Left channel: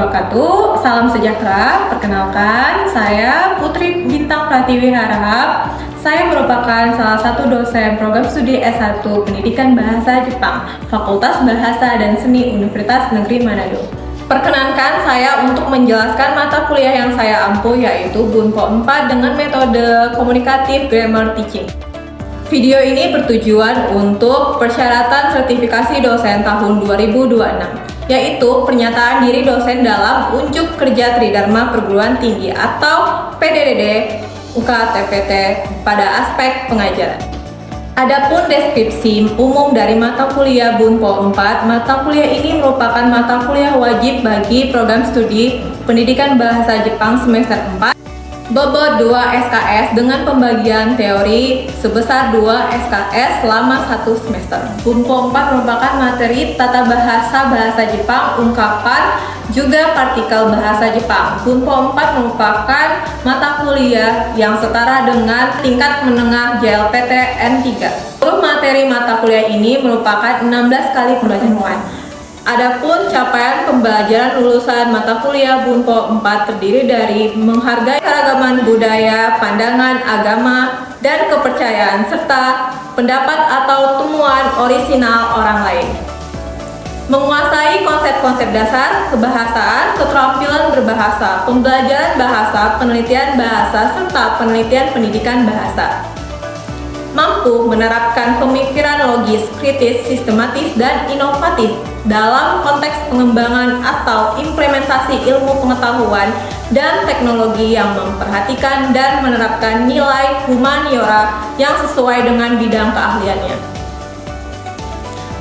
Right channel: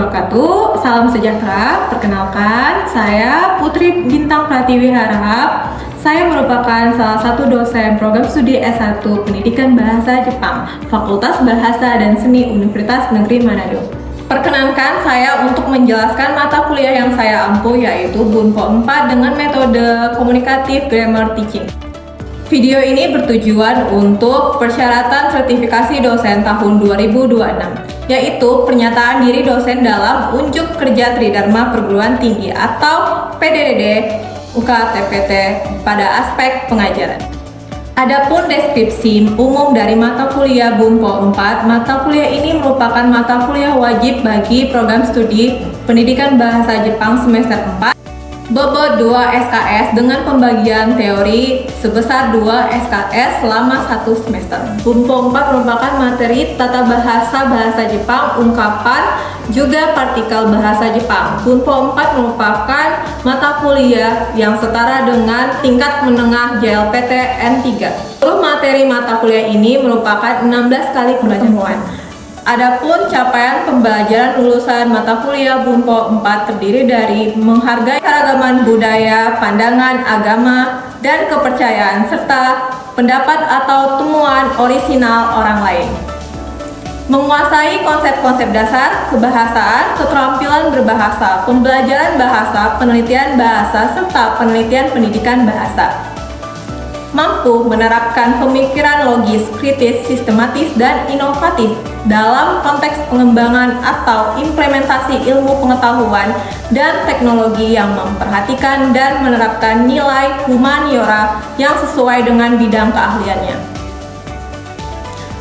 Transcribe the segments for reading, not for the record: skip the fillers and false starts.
wabarakatuh. Salam sejahtera. Perkenalkan, saya Putri Bintang Pratiwi Harahap. Saya merupakan salah satu dosen program studi S1 Pendidikan Bahasa Jepang, Fakultas Bahasa dan Seni Universitas Negeri Manado. Perkenankan saya untuk menjelaskan mata kuliah yang saya ampu, yaitu Bunpo 4 dengan metode komunikatif grammar teaching. Video ini bertujuan untuk persyaratan sertifikasi dosen tahun 2026, yaitu pernyataan diri dosen dalam Unjuk Kerja Tridharma Perguruan Tinggi atau PDDD UKTPT pada aspek pengajaran. Adapun deskripsi umum dari mata kuliah Bunpo 4, mata kuliah ini merupakan mata kuliah wajib bagi program studi Pendidikan Bahasa Jepang semester 4, bobot 2 SKS dengan pembagian teori sebesar 2 SKS selama 1 semester. Bunpo 4 merupakan materi tata bahasa bahasa Jepang, ungkapan, juga partikel bahasa Jepang. Bunpo 4 merupakan mata kuliah yang setara dengan tingkat menengah JLPT N3. Seluruh materi mata kuliah ini merupakan 16 kali pembelajaran. Adapun capaian pembelajaran lulusan mata kuliah Bunpo 4 terdiri dari menghargai keragaman budaya, pandangan, agama, dan kepercayaan, serta pendapat atau temuan orisinal orang lain. Menguasai konsep-konsep dasar, kebahasaan, keterampilan berbahasa, pembelajaran bahasa, penelitian bahasa, serta penelitian pendidikan bahasa. Mampu menerapkan pemikiran logis, kritis, sistematis, dan inovatif dalam konteks pengembangan atau implementasi ilmu pengetahuan dan teknologi yang memperhatikan dan menerapkan nilai humaniora yang sesuai dengan bidang keahliannya.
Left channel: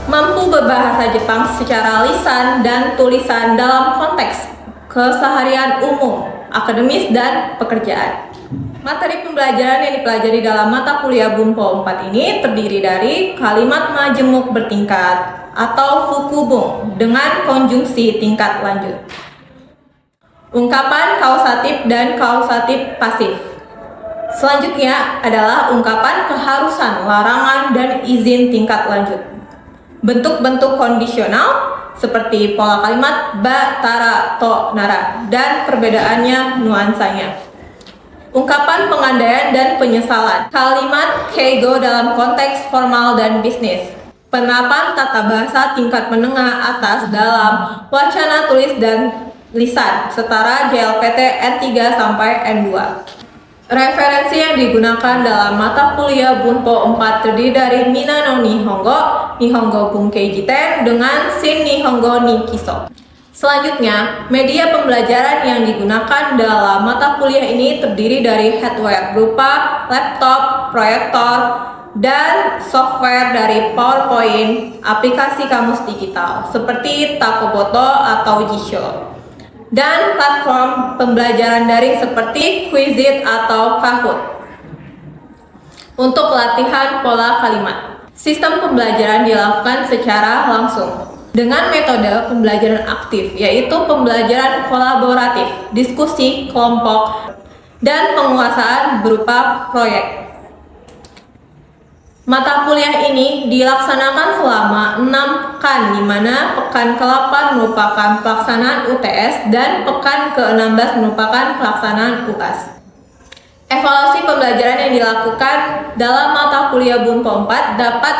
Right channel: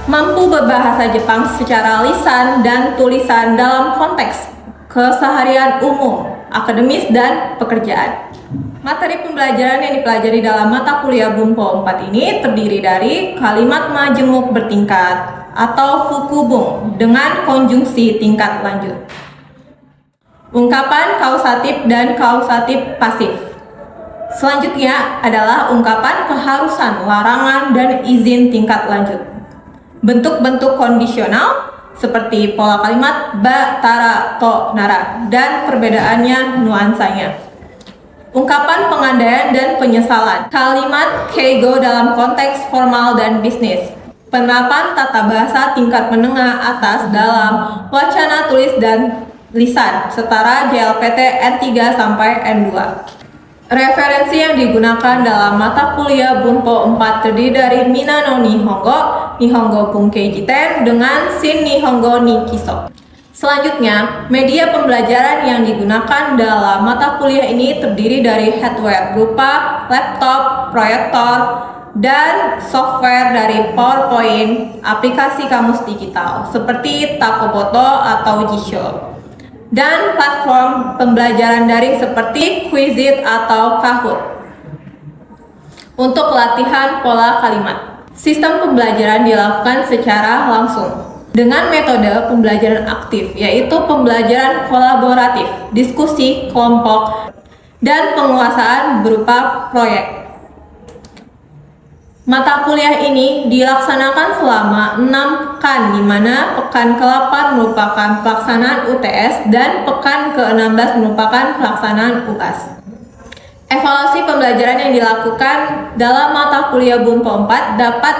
Mampu berbahasa Jepang secara lisan dan tulisan dalam konteks keseharian umum, akademis, dan pekerjaan. Materi pembelajaran yang dipelajari dalam mata kuliah Bunpo 4 ini terdiri dari kalimat majemuk bertingkat atau fukubung dengan konjungsi tingkat lanjut, ungkapan kausatif dan kausatif pasif. Selanjutnya adalah ungkapan keharusan, larangan, dan izin tingkat lanjut. Bentuk-bentuk kondisional seperti pola kalimat ba, tara, to, nara, dan perbedaannya nuansanya. Ungkapan pengandaian dan penyesalan, kalimat keigo dalam konteks formal dan bisnis, penerapan tata bahasa tingkat menengah atas dalam wacana tulis dan lisan setara JLPT N3 sampai N2. Referensi yang digunakan dalam mata kuliah Bunpo 4 terdiri dari Minano Nihongo, Nihongo Bunkei Jiten, dengan Shin Nihongo Nikiso. Selanjutnya, media pembelajaran yang digunakan dalam mata kuliah ini terdiri dari hardware berupa laptop, proyektor, dan software dari PowerPoint, aplikasi kamus digital seperti Takoboto atau Jisho, dan platform pembelajaran daring seperti Quizlet atau Kahoot. Untuk latihan pola kalimat, sistem pembelajaran dilakukan secara langsung dengan metode pembelajaran aktif, yaitu pembelajaran kolaboratif, diskusi, kelompok, dan penguasaan berupa proyek. Mata kuliah ini dilaksanakan selama 6 pekan, di mana pekan ke-8 merupakan pelaksanaan UTS dan pekan ke-16 merupakan pelaksanaan UAS. Evaluasi pembelajaran yang dilakukan dalam mata kuliah Bunpo 4 dapat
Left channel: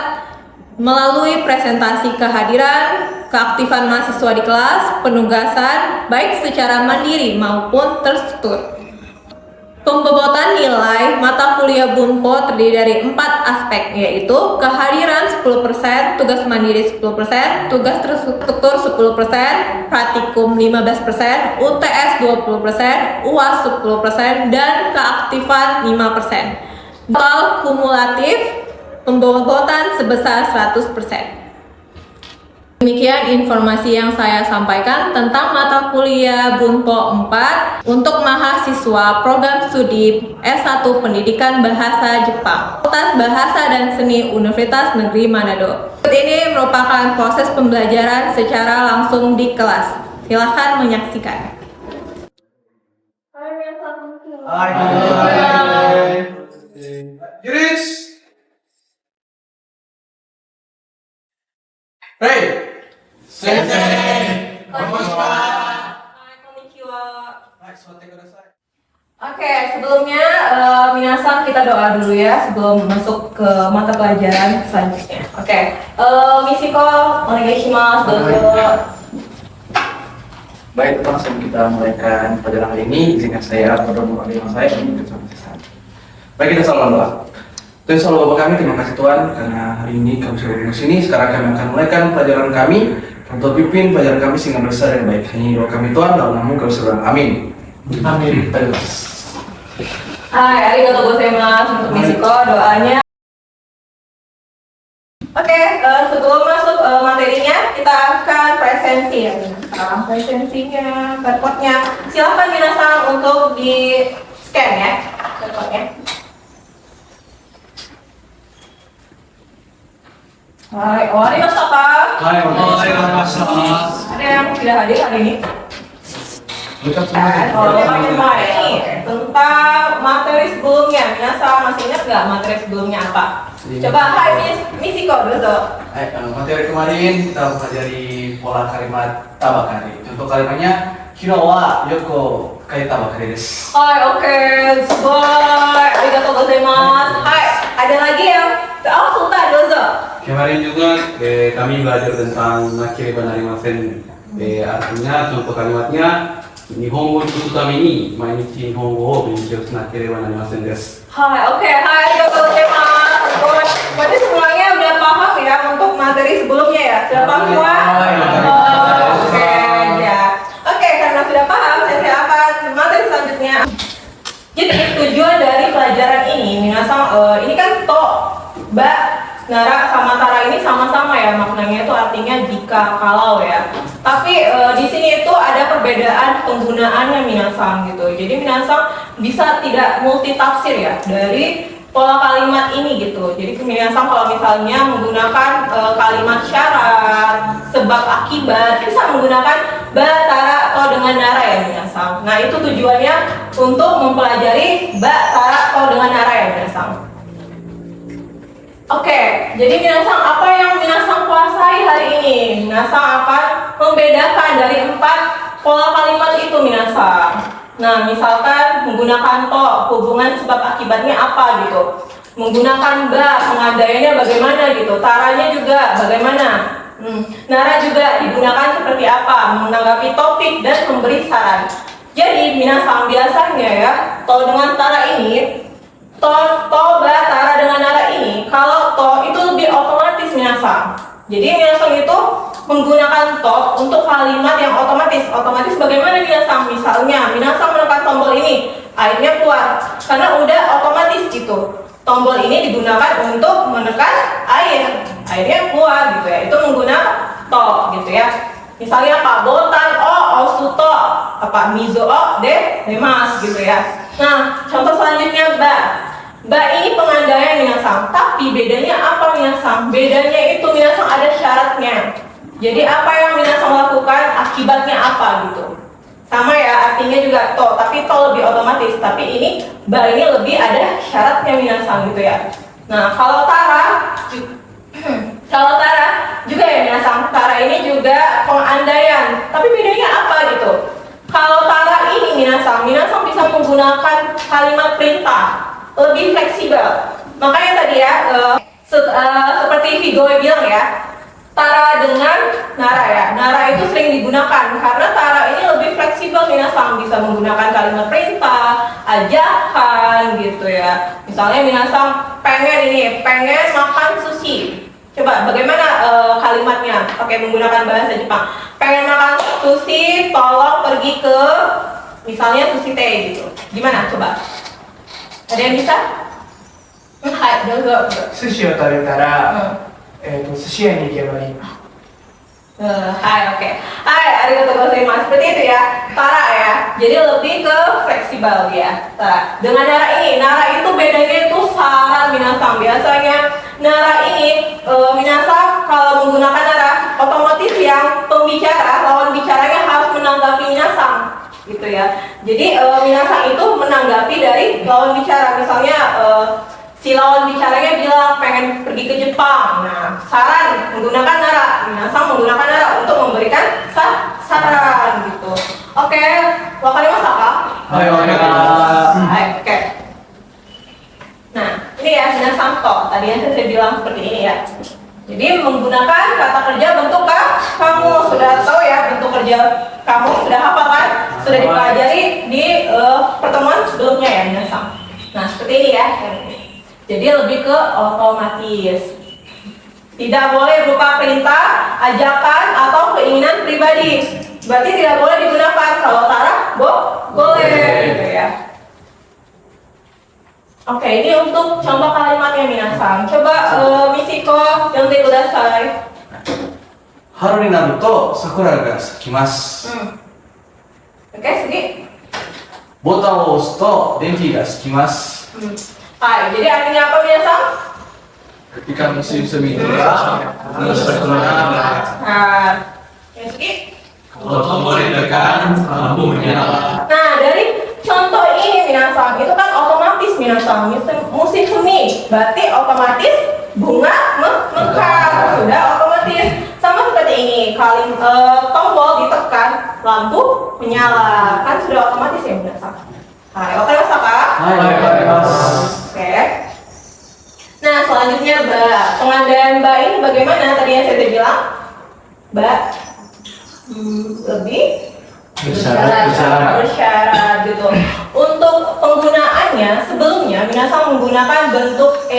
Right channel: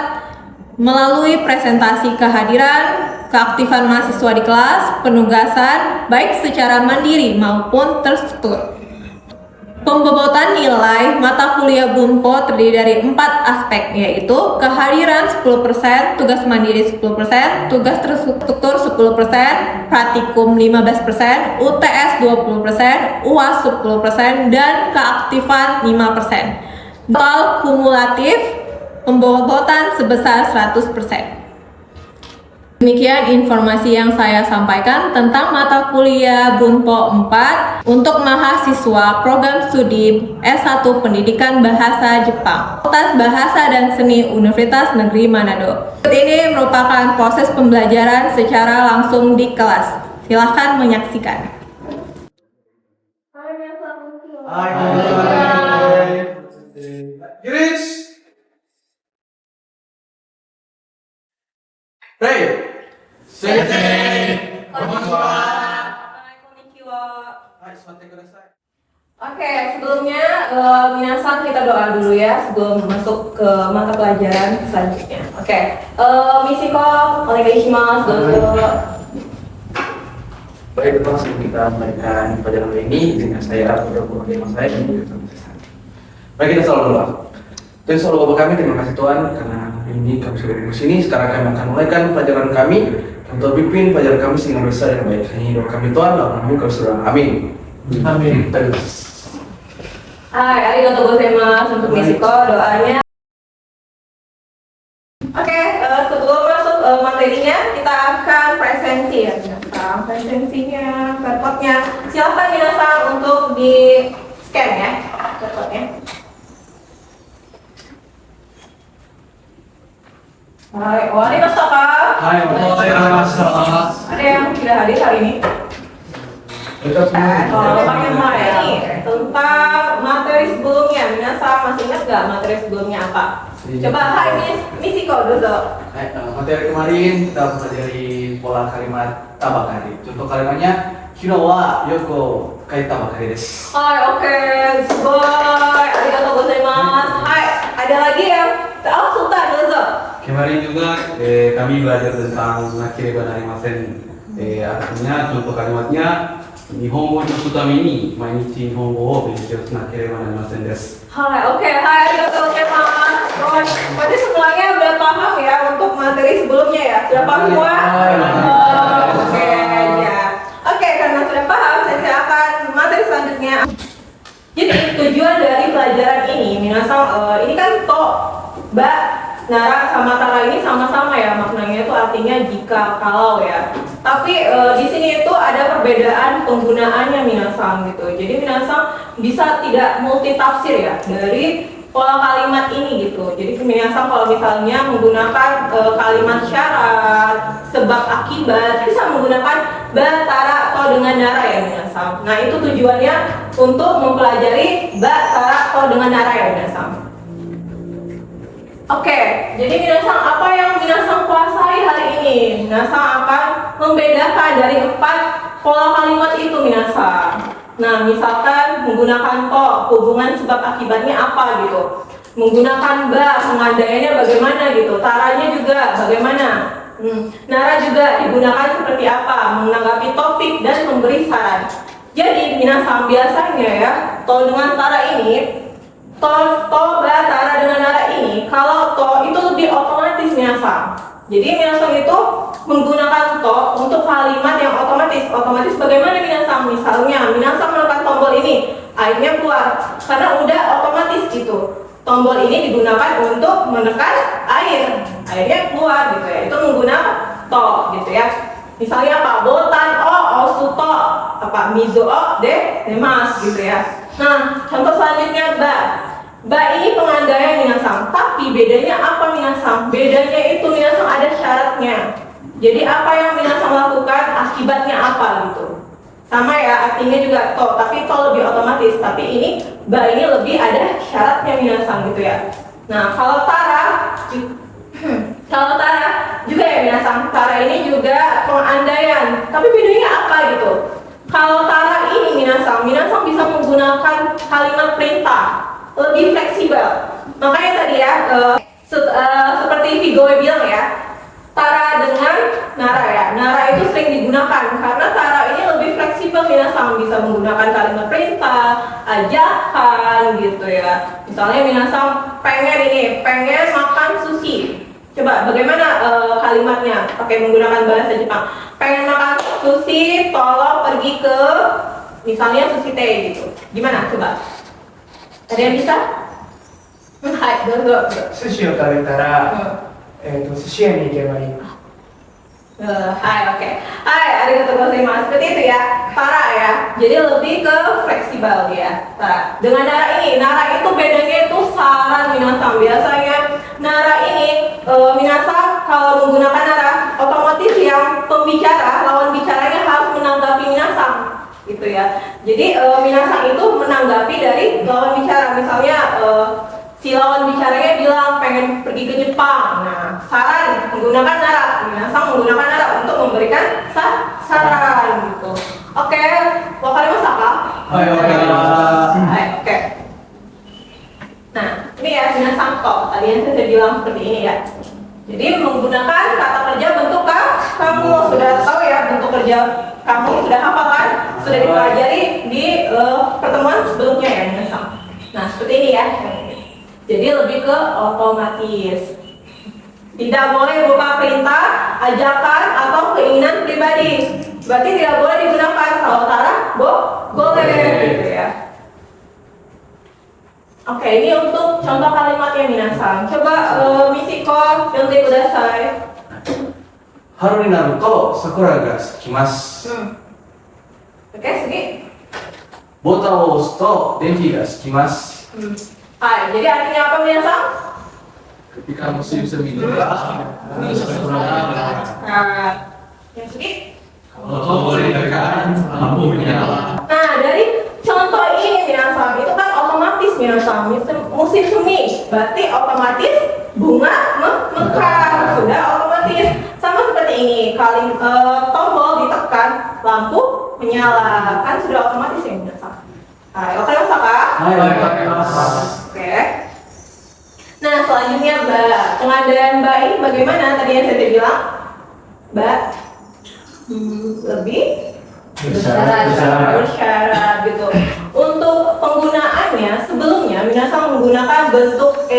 melalui presentasi kehadiran, keaktifan mahasiswa di kelas, penugasan, baik secara mandiri maupun terstruktur. Pembobotan nilai mata kuliah Bunpo terdiri dari 4 aspek, yaitu kehadiran 10%, tugas mandiri 10%, tugas terstruktur 10%, praktikum 15%, UTS 20%, UAS 10%, dan keaktifan 5%. Total kumulatif pembobotan sebesar 100%. Demikian informasi yang saya sampaikan tentang mata kuliah Bunpo 4 untuk mahasiswa program studi S1 Pendidikan Bahasa Jepang, Fakultas Bahasa dan Seni Universitas Negeri Manado. Ini merupakan proses pembelajaran secara langsung di kelas. Silahkan menyaksikan. Hey! Sensei! Konnichiwa! Oke, sebelumnya minasan kita doa dulu ya sebelum masuk ke mata pelajaran selanjutnya. Oke, Misiko, onegaishimasu, dozo. Baik, teman sebelum kita mulaikan pelajaran hari ini, izinkan saya berdoa saya ini bersama saya. Baik, kita selalu doa. Tuhan selalu Bapak kami, terima kasih Tuhan karena hari ini kami sudah di sini. Sekarang kami akan mulaikan pelajaran kami untuk pimpin pelajaran kami sehingga besar yang baik. Hanya doa kami Tuhan dalam nama kami sudah amin. Amin. Hai, arigatou gozaimasu untuk Misiko doanya. Oke, sebelum masuk materinya kita akan presensi ya. Presensinya, barcode-nya. Silakan minasan untuk di scan ya, barcode-nya. Hai, owarimashita ka? Hai, Ada yang tidak hadir hari ini? Semua ya. Tentang materi sebelumnya, minasan masih ingat nggak materi sebelumnya apa? Coba, hai Misiko, dozo. Materi kemarin kita mempelajari pola kalimat tabakari. Contoh kalimatnya, Kino wa yoko kai tabakari desu. Hai, oke, sugoi, arigatou gozaimasu. Hai, ada lagi yang? Oh, Sultan, dozo. Kemarin juga kami belajar tentang nakireba narimasen. Artinya contoh kalimatnya Nihongo ni utami ni mainichi Nihongo wo benkyou nakereba narimasen desu. Hai, oke, hai, arigatou gozaimasu. Berarti semuanya udah paham ya untuk materi sebelumnya ya? Sudah paham semua? Oke, ya. Oke, karena sudah paham, saya silakan materi selanjutnya. Jadi tujuan dari pelajaran ini, minasan, ini kan to, ba, nara sama tara ini sama-sama ya maknanya itu artinya jika kalau ya. Tapi di sini itu ada perbedaan penggunaannya minasan gitu. Jadi minasan bisa tidak multitafsir ya dari pola kalimat ini gitu. Jadi minasan kalau misalnya menggunakan kalimat syarat, sebab akibat bisa menggunakan ba, tara atau dengan nara ya minasan. Nah itu tujuannya untuk mempelajari ba, tara atau dengan nara ya minasan. Oke, jadi minasan apa yang minasan kuasai hari ini? Minasan akan membedakan dari 4 pola kalimat itu minasan. Nah, misalkan menggunakan to, hubungan sebab akibatnya apa gitu. Menggunakan ba, pengandaiannya bagaimana gitu. Taranya juga bagaimana. Nara juga digunakan seperti apa, menanggapi topik dan memberi saran. Jadi minasan biasanya ya, to dengan tara ini, to, ba, tara dengan nara ini, kalau to itu lebih otomatis minasan. Jadi minasan itu menggunakan to untuk kalimat yang otomatis. Otomatis bagaimana minasan? Misalnya minasan menekan tombol ini, airnya keluar karena udah otomatis gitu. Tombol ini digunakan untuk menekan air, airnya keluar gitu ya. Itu menggunakan to gitu ya. Misalnya Pak Botan o osuto apa mizo o demas gitu ya. Nah, contoh selanjutnya ba. Ba ini pengandaian minasan, tapi bedanya apa minasan? Bedanya itu minasan ada syaratnya. Jadi apa yang minasan lakukan, akibatnya apa gitu. Sama ya, artinya juga to, tapi to lebih otomatis. Tapi ini ba ini lebih ada syaratnya minasan gitu ya. Nah, kalau tara juga ya minasan. Tara ini juga pengandaian. Tapi bedanya apa gitu? Kalau tara ini minasan bisa menggunakan kalimat perintah. Lebih fleksibel. Makanya tadi ya, seperti Vigo bilang ya, tara dengan nara ya. Nara itu sering digunakan karena tara ini lebih fleksibel minasan, bisa menggunakan kalimat perintah, ajakan gitu ya. Misalnya minasan pengen makan sushi. Coba bagaimana kalimatnya pakai menggunakan bahasa Jepang. Pengen makan sushi, tolong pergi ke misalnya sushi teh gitu. Gimana coba? Ada yang bisa? Hai, dozo. Sushiを食べたら、寿司屋に行けばいい。Hai, oke. Hai, arigatou gozaimasu. Seperti itu ya, tara ya. Jadi lebih ke fleksibel ya, tara. Dengan nara ini, nara itu bedanya itu saran minasan. Biasanya nara ini, minasan kalau menggunakan nara, otomatis yang pembicara, lawan bicaranya harus menanggapi minasan. Gitu ya. Jadi minasan itu menanggapi dari lawan bicara. Misalnya si lawan bicaranya bilang pengen pergi ke Jepang. Nah, saran menggunakan nara. Minasan menggunakan nara untuk memberikan saran gitu. Oke, wakarimasu ka? Hai, wakarimasu. Hai, oke. Nah, ini ya minasan to. Tadi yang saya bilang seperti ini ya. Jadi menggunakan kata kerja bentuk ka, kamu sudah tahu ya bentuk kerja kamu sudah hafal kan? Sudah dipelajari di pertemuan sebelumnya ya minasan. Nah, seperti ini ya. Jadi lebih ke otomatis. Tidak boleh berupa perintah, ajakan, atau keinginan pribadi. Berarti tidak boleh digunakan. Kalau Tara, boleh gitu ya. Oke, ini untuk contoh kalimatnya minasan. Coba Misiko, yonte kudasai. Haru ni naru to sakura ga sakimasu. Oke, Sugi. Botanを押すと電気がつきます。 Hai, jadi artinya apa minasan? Ketika musim semi tiba, harus berkenalan. Nah, ya Sugi. Kalau tombol ditekan, lampu menyala. Nah, dari contoh ini minasan, itu kan otomatis minasan, musim semi, berarti otomatis bunga mekar, sudah otomatis. Sama seperti ini, kali tombol ditekan, lampu menyala, kan sudah otomatis ya minasan. Hai, wakarimasu ka? Hai, wakarimasu. Oke. Nah, selanjutnya ba. Pengadaan ba ini bagaimana? Tadi yang saya bilang, ba lebih bersyarat gitu. Untuk penggunaannya sebelumnya minasan menggunakan bentuk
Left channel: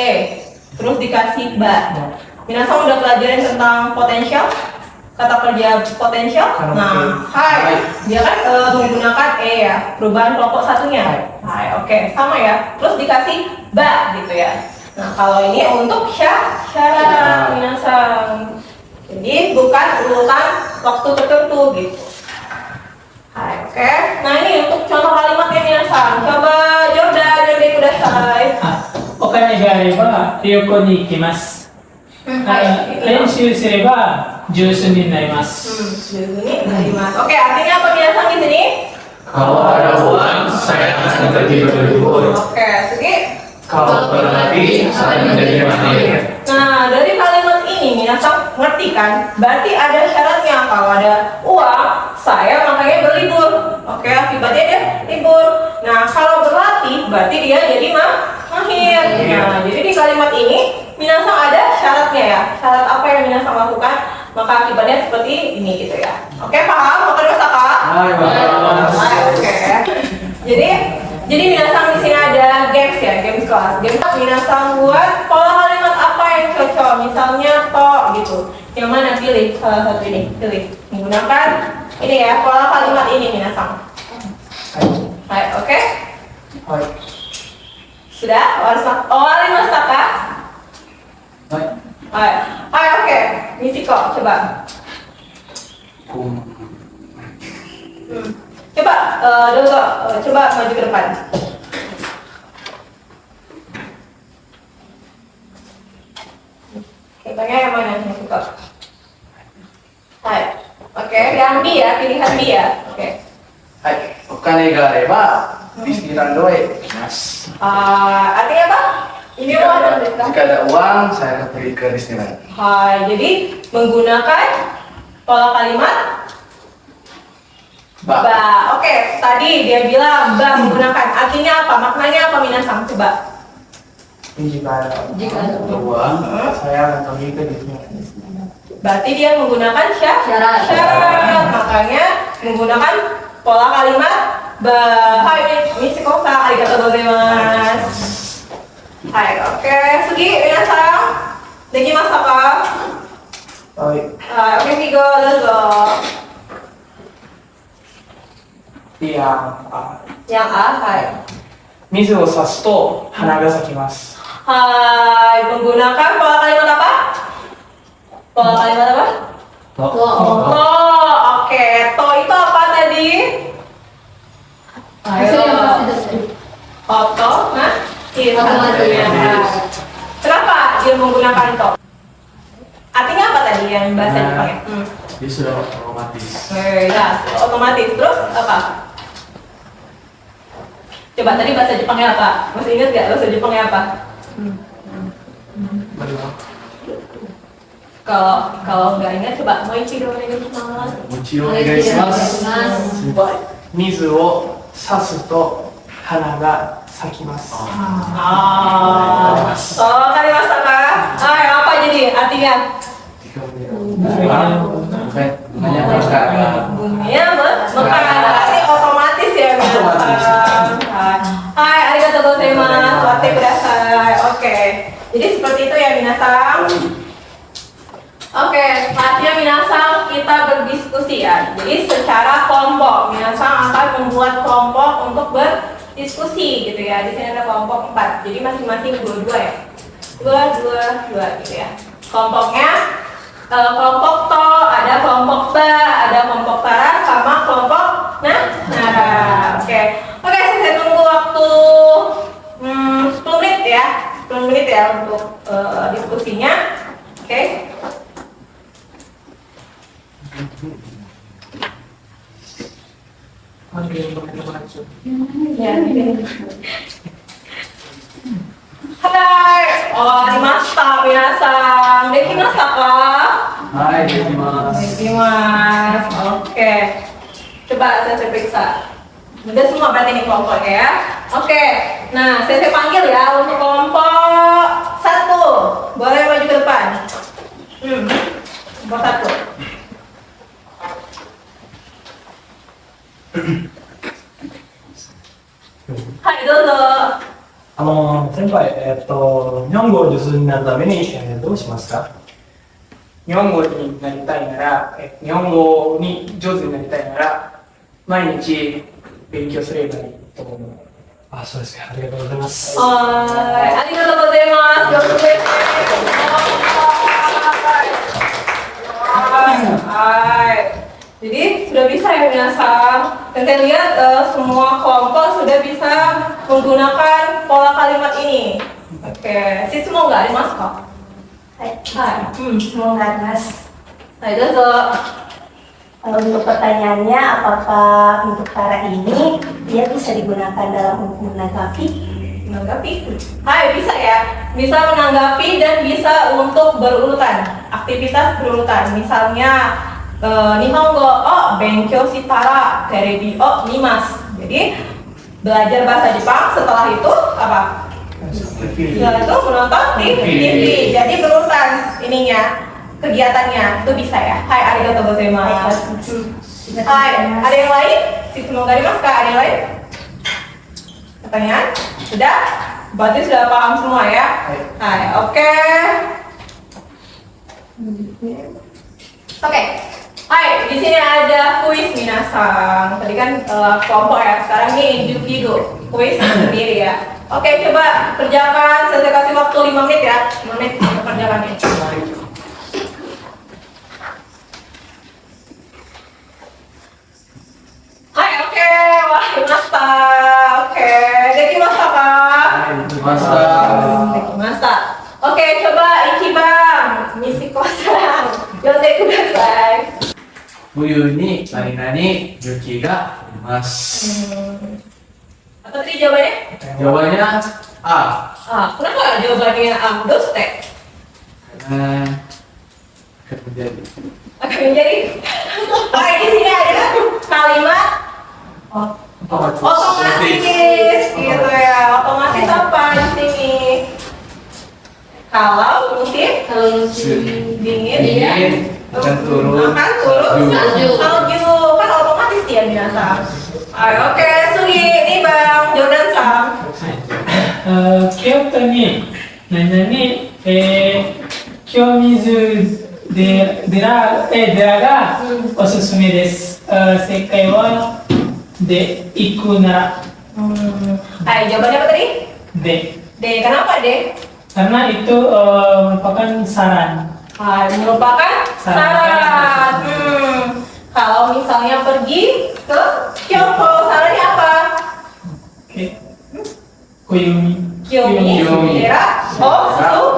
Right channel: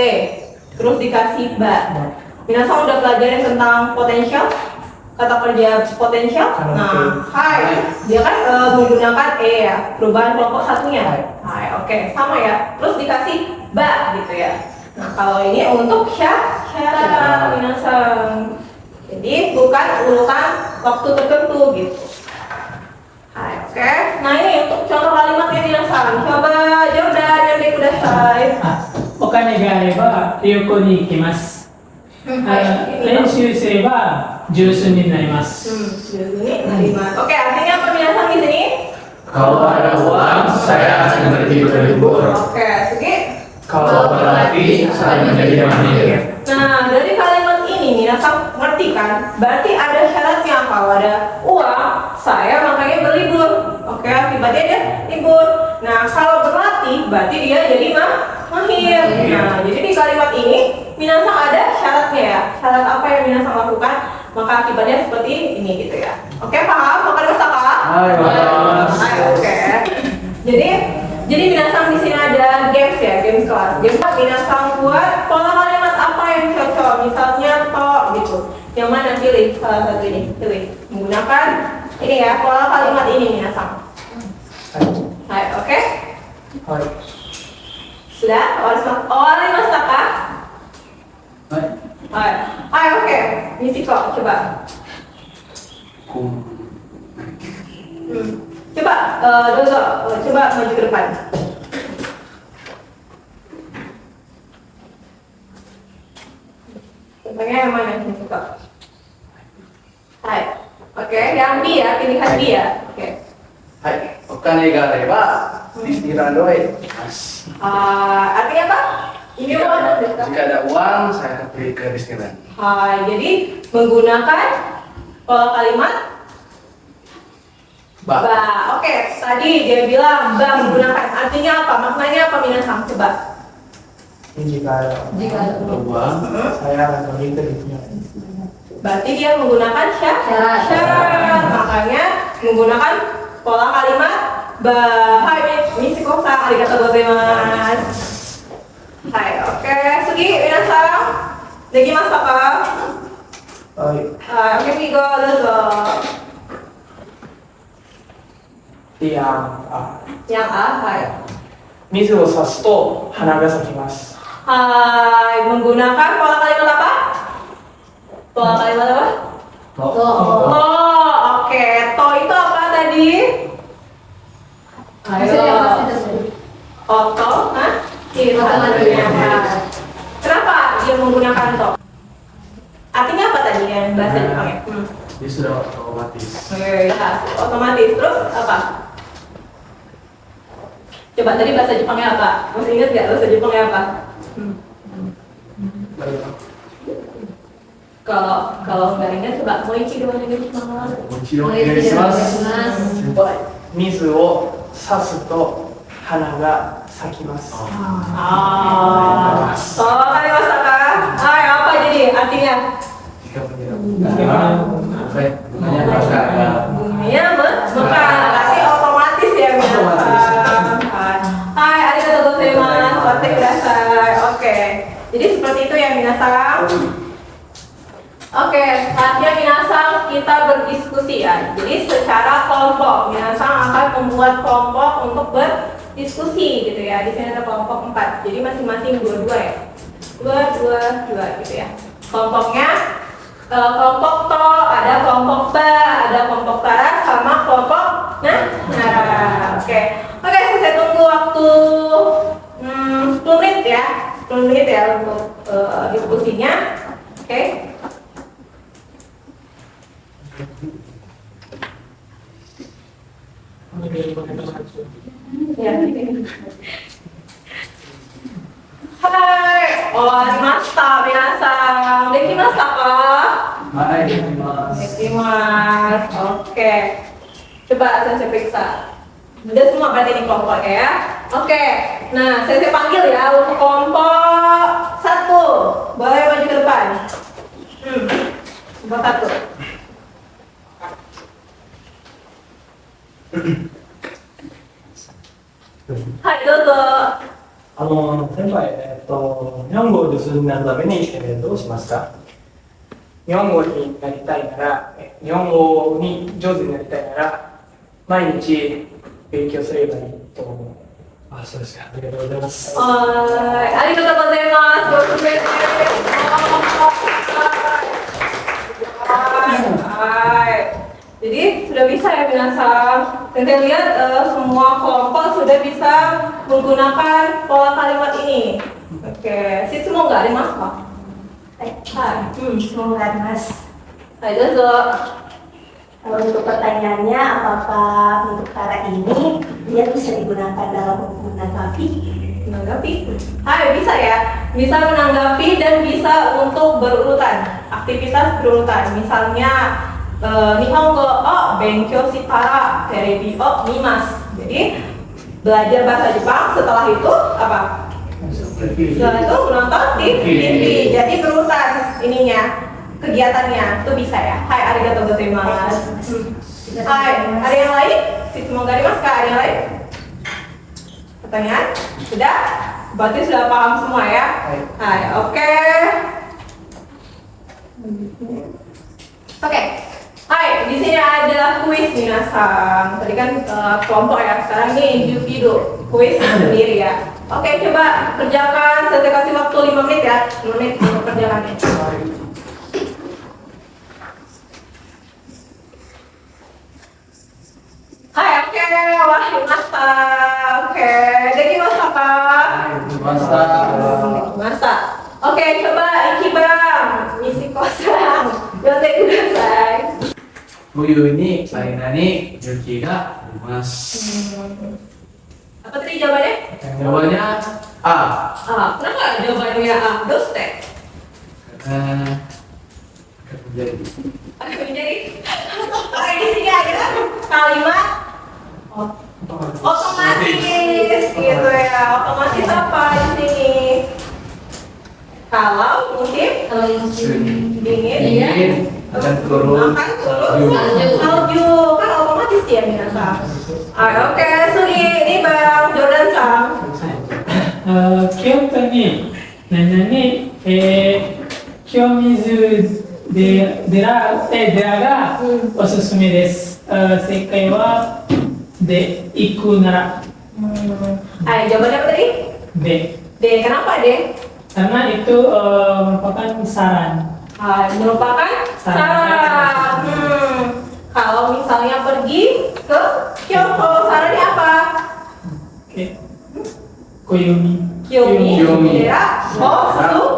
terus dikasih ba. Minasan udah pelajarin tentang potensial, kata kerja potensial. Nah, hai, dia kan menggunakan ya, perubahan kelompok satunya. Hai, oke, sama ya. Terus dikasih ba gitu ya. Nah, kalau ini untuk syarat minasan. Jadi bukan urutan waktu tertentu gitu. Hai, oke. Nah, ini untuk contoh kalimatnya minasan. Coba Jordan yang dari kudasai. お金があれば旅行に行きます。練習すれば上手になります。 Ini narimasu. Oke, artinya apa minasan di sini? Kalau ada uang, saya akan pergi berlibur. Oke, Sugi. Kalau berlatih, saya menjadi mahir. Nah, dari kalimat ini minasan ngerti kan? Berarti ada syaratnya. Kalau ada uang, saya makanya berlibur. Oke, akibatnya dia libur. Nah, kalau berlatih, berarti dia jadi mahir. Nah, jadi di kalimat ini minasan ada syaratnya ya. Syarat apa yang minasan lakukan? Maka akibatnya seperti ini gitu ya. Oke, paham? Wakarimasu ka? Hai, wakarimasu. Hai, oke. Jadi minasan di sini ada games ya, games kelas. Games minasan buat pola kalimat apa yang cocok, misalnya to gitu. Yang mana pilih salah satu ini, pilih. Menggunakan ini ya, pola kalimat ini minasan. Hai, oke. Hai. Sudah? Wakarimasu ka? Hai. Hai, oke. Misiko, coba. Coba, coba maju ke depan. Contohnya yang mana nih, Misiko? Hai. Oke, yang B ya, pilihan B ya. Oke. はい、お金があればディズニーランドへ行きます。 Artinya apa? Ini apa? Jika ada uang, saya akan pergi ke Disneyland. Hai, jadi menggunakan pola kalimat Ba. ba. Oke, tadi dia bilang ba menggunakan. Artinya apa? Maknanya apa minasan? Coba. Jika Jika Uang, saya akan pergi ke Disneyland. berarti dia menggunakan syarat. Makanya menggunakan pola kalimat ba. Hai, Misiko-san, arigatou gozaimasu. Hai, oke. Sugi, minasan. Dekimasu ka? Hai. Oke, Migo, dozo. Yang A, hai. 水を差すと花が咲きます。 Hai, menggunakan pola kalimat apa? Pola kalimat apa? To. Oke. To itu apa tadi? Ayo. To, hah? Iya, satunya. Kenapa dia menggunakan to? Artinya apa tadi yang bahasa Jepangnya? dia sudah otomatis. Ya, otomatis. Terus apa? Coba tadi bahasa Jepangnya apa? Masih ingat nggak bahasa Jepangnya apa? Kalau nggak ingat coba mau ichido onegaishimasu. お家をお願いします。水を差すと花が咲きます。 Ah, so kalimashita ka? Ay, apa jadi artinya? Jika punya bunganya berkah. Bunganya mekar, berarti otomatis ya minasan. Hai, arigatou gozaimasu. Ate kudasai. Oke. Jadi seperti itu ya minasan. Oke, saatnya minasan kita berdiskusi ya. Jadi secara kelompok, minasan akan membuat kelompok untuk berdiskusi gitu ya. Di sini ada kelompok 4. Jadi masing-masing 2-2 ya. 2 gitu ya. Kelompoknya kelompok to, ada kelompok ba, ada kelompok para, sama kelompok nara. Oke, saya tunggu waktu 10 menit ya, 10 menit ya untuk diskusinya. Oke. Ya, ini. Hai, owarimashita minasan. Dekimashita ka? Hai, dekimasu. Dekimasu. Oke. Coba saya periksa. Udah semua berarti ini kelompoknya ya. Oke. Nah, saya panggil ya untuk kelompok 1. Boleh maju ke depan. Kelompok 1. Hai, dozo. 先輩、日本語を上手になるために、どうしますか？日本語になりたいなら、日本語に上手になりたいなら、毎日勉強すればいいと思う。あ、そうですか。ありがとうございます。はい、ありがとうございます。上手ですね。はい。Jadi sudah bisa ya minasan. Dan saya lihat semua kelompok sudah bisa menggunakan pola kalimat ini. Oke, semua nggak ada mas kok? Hai, semua nggak ada mas. Hai, dozo. Untuk pertanyaannya, apakah untuk para ini dia bisa digunakan dalam hukum menanggapi? Hai, bisa ya. Bisa menanggapi dan bisa untuk berurutan, aktivitas berurutan. Misalnya Nihongo o benkyou shitara terebi o mimasu. Jadi belajar bahasa Jepang, setelah itu apa? Setelah itu menonton TV. Jadi berurutan ininya, kegiatannya itu bisa ya. Hai, arigatou gozaimasu. Hai, ada yang lain? Semoga mas kak, ada yang lain? Pertanyaan? Sudah? Berarti sudah paham semua ya? Hai, oke. Oke. Hai, di sini ada kuis minasan. Tadi kan kelompok ya, sekarang ini individu. Kuis sendiri ya. Oke, coba kerjakan. Saya kasih waktu 5 menit ya. 5 menit untuk kerjakan ini. Hai, oke. Wah, masta. Oke, dekimashita ka? Dekimashita. Oke, coba Ichiban, Mishiko-san. Yonde kudasai. 冬に何々雪が降ります。 Apa tadi jawabannya? Jawabannya A. Kenapa jawabannya A? Doste. Karena akan terjadi. Akan menjadi. Oke, di sini ada kalimat otomatis gitu ya. Otomatis apa di sini? Kalau musim dingin akan turun salju kan otomatis ya minasan. Oke, Sugi, ini Bang Jordan Sam. 京都に何々、清水寺がおすすめです。正解はで行くなら Jawabannya apa tadi? D. D, kenapa D? Karena itu merupakan saran. Merupakan saran. Kalau misalnya pergi ke Kyoto, sarannya apa? Oke. Koyomi. Kiyomi daerah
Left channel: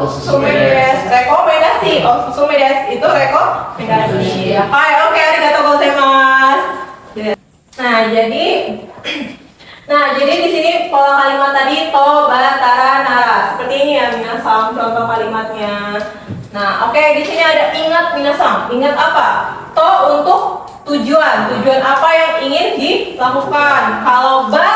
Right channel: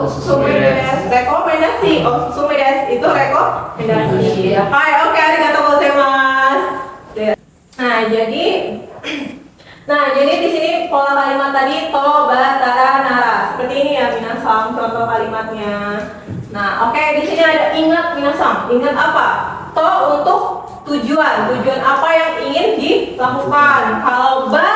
Osusume desu. Rekomendasi. Osusume desu itu rekomendasi. Oke, arigatou gozaimasu. Nah, jadi di sini pola kalimat tadi to, ba, tara, nara. Seperti ini ya minasan contoh kalimatnya. Nah, oke, di sini ada ingat minasang. Ingat apa? To untuk tujuan. Tujuan apa yang ingin dilakukan. Kalau ba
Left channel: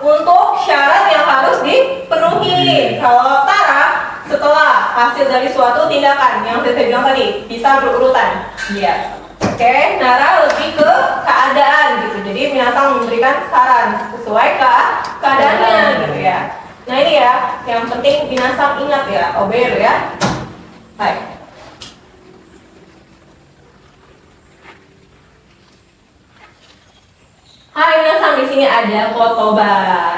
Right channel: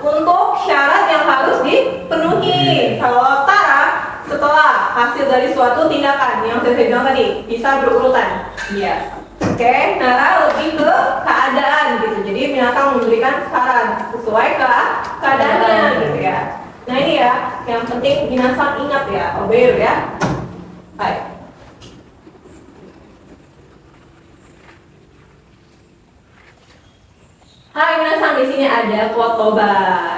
untuk syarat yang harus dipenuhi. Kalau tara setelah hasil dari suatu tindakan yang saya bilang tadi, bisa berurutan. Iya. Oke, nara lebih ke keadaan gitu. Jadi minasang memberikan saran sesuai ke keadaannya gitu ya. Nah ini ya, yang penting minasang ingat ya, obey ya. Baik. Hai minasang, di sini ada kotoba.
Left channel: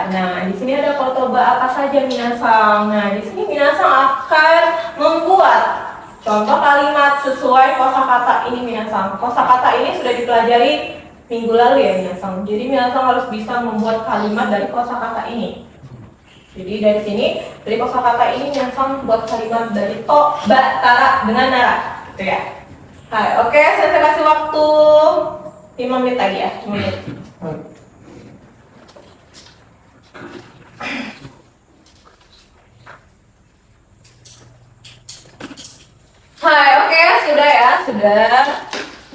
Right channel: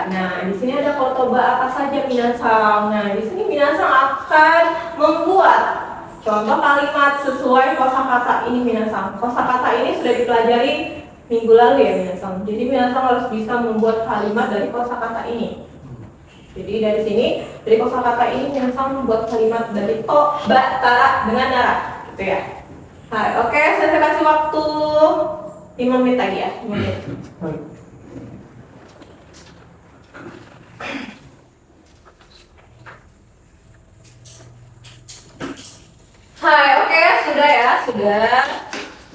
Nah, di sini ada kotoba apa saja minasang? Nah, di sini minasang akan membuat contoh kalimat sesuai kosakata ini minasang. Kosakata ini sudah dipelajari minggu lalu ya minasang. Jadi minasang harus bisa membuat kalimat dari kosakata ini. Jadi dari sini, dari kosakata ini minasang membuat kalimat dari to, ba, tara dengan nara, gitu ya. Hai, oke, saya kasih waktu 5 menit lagi ya, 5 menit. Hai, oke, sudah ya, sudah.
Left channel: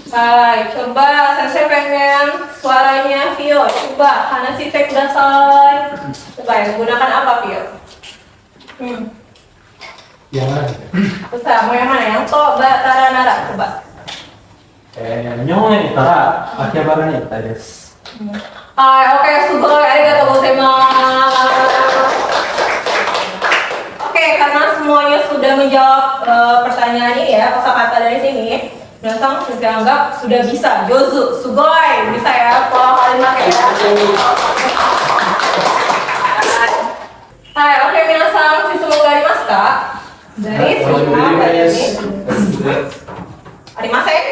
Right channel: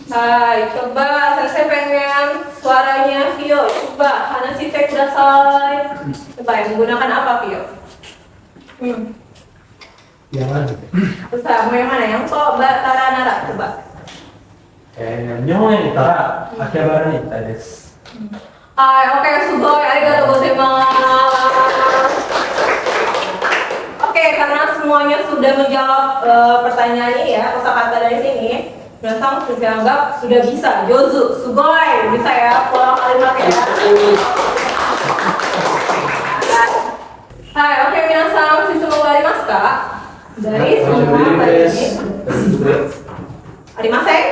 Hai, coba saya pengen suaranya Vio. Coba, karena si tek dasar. Coba ya, menggunakan apa Vio? Yang mana? Usah, mau yang mana? Yang to, ba, tara, nara. Coba. 日本へ行ったら秋葉原に行きたいです。 Hai, oke, sugoi, arigatou gozaimasu. Oke, karena semuanya sudah menjawab pertanyaan ini ya, kosakata dari sini, minasang sudah anggap sudah bisa. Jozu, sugoi, bisa ya, pola kalimatnya ya. Hai, oke, minasang susu arimasu ka? Dari semua tadi ini. Arimasen?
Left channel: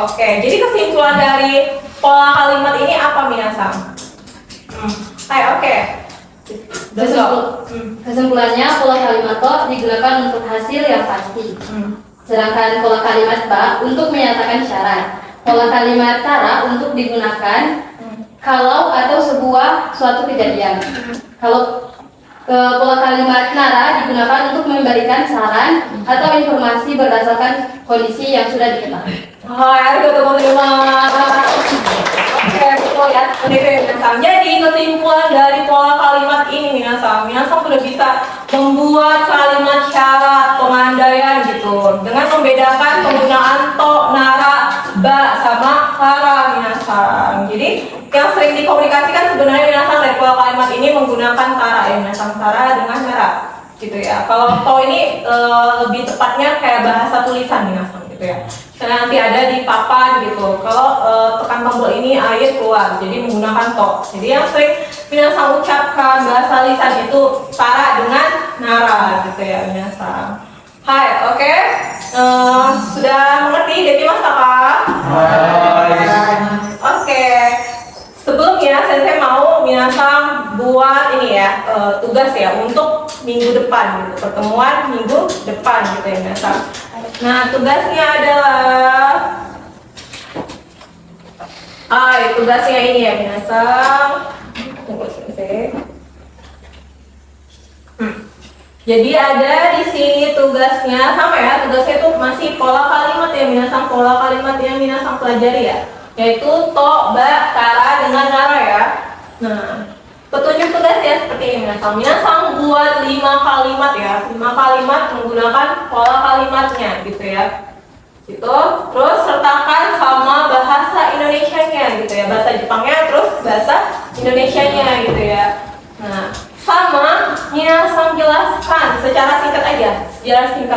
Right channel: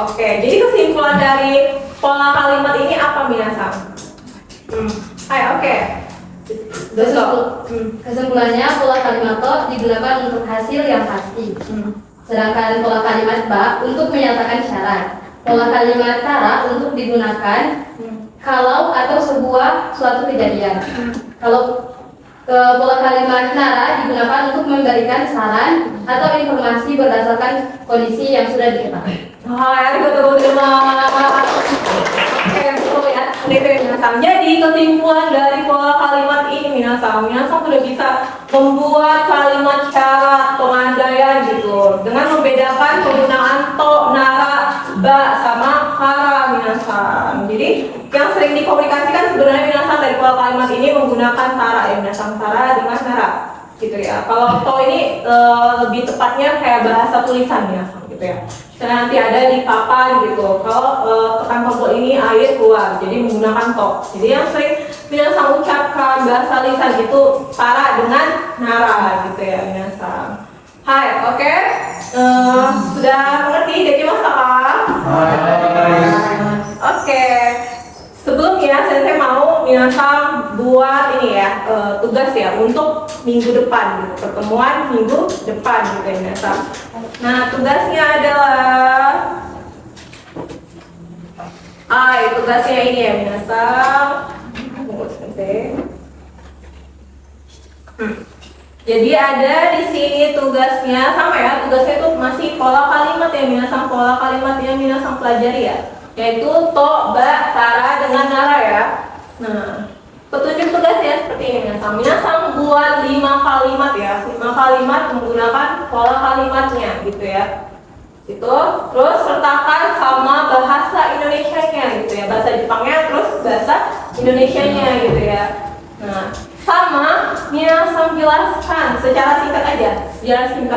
Oke, jadi kesimpulan dari pola kalimat ini apa minasang? Hai, oke. Kesimpulannya, pola kalimat to digunakan untuk hasil yang pasti. Sedangkan pola kalimat ba untuk menyatakan syarat. Pola kalimat tara untuk digunakan kalau ada suatu kejadian. Kalau pola kalimat nara digunakan untuk memberikan saran atau informasi berdasarkan kondisi yang sudah diketahui. Hai, arigatou gozaimasu. Oke, betul ya. Minasang. Jadi kesimpulan dari pola kalimat ini minasang sudah bisa membuat kalimat syarat pengandaian gitu dengan membedakan penggunaan to, nara, ba sama kara minasang. Jadi yang sering dikomunikasikan sebenarnya minasang dari pola kalimat ini menggunakan tara ya minasang, tara dengan nara gitu ya. Kalau to ini lebih tepatnya kayak bahasa tulisan minasang gitu ya. Misalnya nanti ada di papan gitu. Kalau tekan tombol ini air keluar, jadi menggunakan to. Jadi yang sering minasang ucapkan bahasa lisan itu tara dengan nara gitu ya minasang. Hai, oke. Sudah mengerti dekimasu ka? Oke. Sebelumnya saya mau minasang buat ini ya tugas ya untuk minggu depan gitu, pertemuan minggu depan gitu ya minasang. Nah tugasnya adalah tugasnya ini ya minasang. Tunggu sebentar. Jadi ada di sini tugasnya sama ya, tugasnya itu masih pola kalimat ya minasang, pola kalimat yang minasang pelajari ya, yaitu to, ba, tara dengan nara ya. Nah, petunjuk tugasnya seperti ini minasang. Minasang buat 5 kalimat ya, 5 kalimat menggunakan pola kalimatnya gitu ya. Itu terus sertakan sama bahasa Indonesianya gitu ya, bahasa Jepangnya terus bahasa Indonesianya gitu ya. Nah, sama minasang jelaskan secara singkat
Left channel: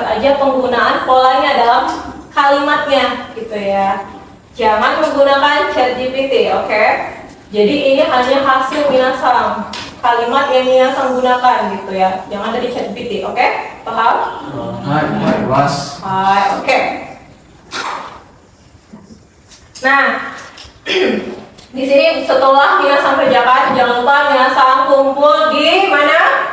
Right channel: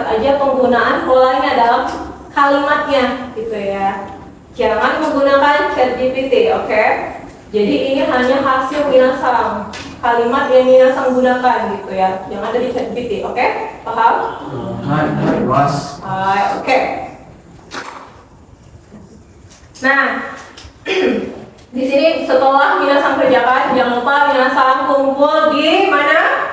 aja penggunaan polanya dalam kalimatnya gitu ya. Jangan menggunakan ChatGPT, oke? Jadi ini hanya hasil minasang, kalimat yang minasang gunakan gitu ya. Jangan ada di ChatGPT, oke? Paham? Hai, Mas. Hai, oke. Nah, di sini setelah minasang kerjakan, jangan lupa minasang kumpul di mana?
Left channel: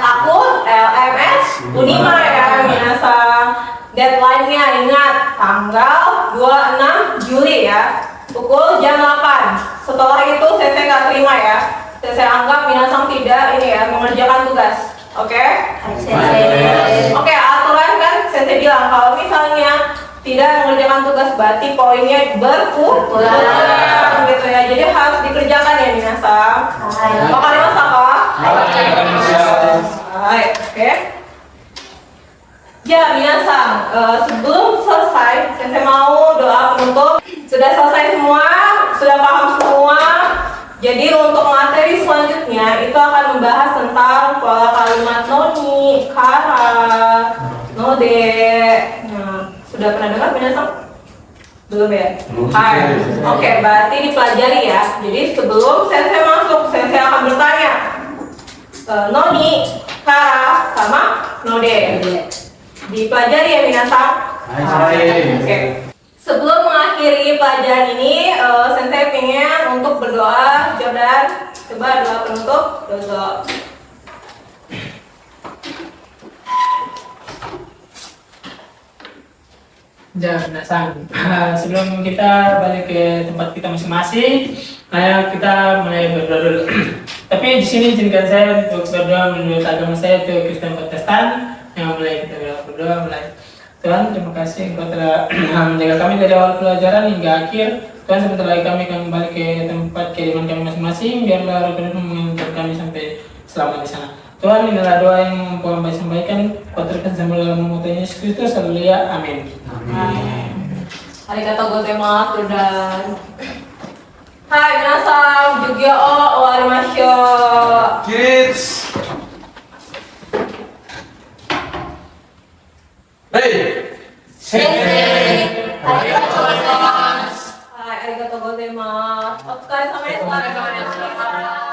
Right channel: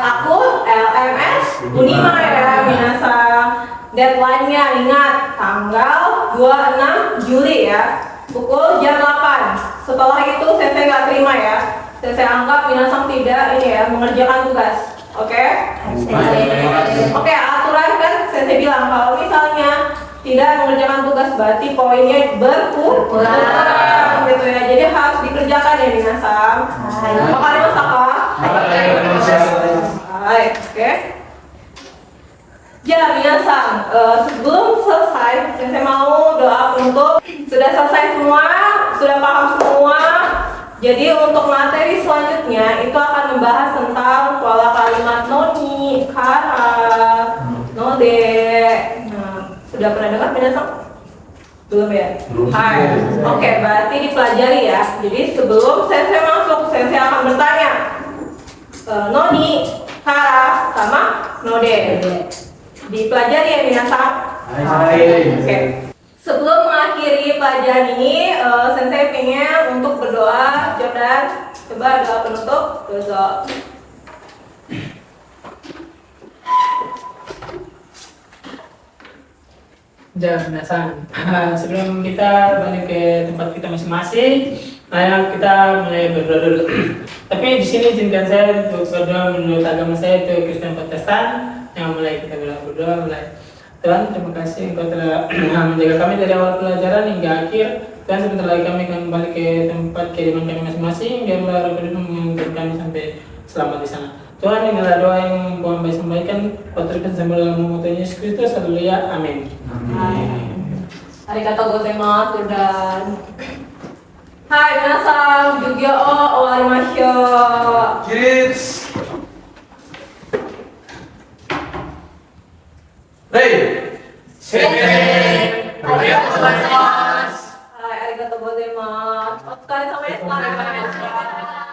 Akun LMS Unima ya minasang. Deadline-nya ingat tanggal 26 Juli ya, pukul jam 8. Setelah itu saya nggak terima ya. Saya anggap minasang tidak ini ya mengerjakan tugas. Oke? Sensei. Oke, aturan kan saya bilang kalau misalnya tidak mengerjakan tugas berarti poinnya berkurang gitu ya. Jadi harus dikerjakan ya minasang. Bakal dimasak kah? Baik, oke. Ya minasang, sebelum selesai saya mau doa penutup. Sudah selesai semua, sudah paham semua. Jadi untuk materi selanjutnya itu akan membahas tentang pola kalimat noni, kara, node. Nah, sudah pernah dengar minasang? Belum ya? Hai. Oke, berarti dipelajari ya. Jadi sebelum sensei masuk, sensei akan bertanya. Noni, kara, sama node. Dipelajari ya minasang? Oke. Sebelum mengakhiri pelajaran ini, sensei pengen untuk berdoa. Jordan, coba doa penutup. Doa. Jangan minasang. Sebelum kita balik ke tempat kita masing-masing, kita mulai berdoa dulu. Tapi di sini izinkan saya untuk berdoa menurut agama saya itu Kristen Protestan. Yang mulai kita berdoa mulai. Tuhan, terima kasih Engkau telah menjaga kami dari awal pelajaran hingga akhir. Tuhan, sebentar lagi kami akan kembali ke tempat kediaman kami masing-masing. Biarlah Roh Kudus mengantar kami sampai selamat di sana. Tuhan, inilah doa yang Tuhan sampaikan. Kau terus sambil dalam nama Tuhan Yesus Kristus. Haleluya. Amin. Arigatou gozaimasu dan hai minasang, jugyo o owarimashou. Kirits. Hey. Sensei. Arigatou gozaimasu. Hai, arigatou gozaimasu. Otsukare sama desu.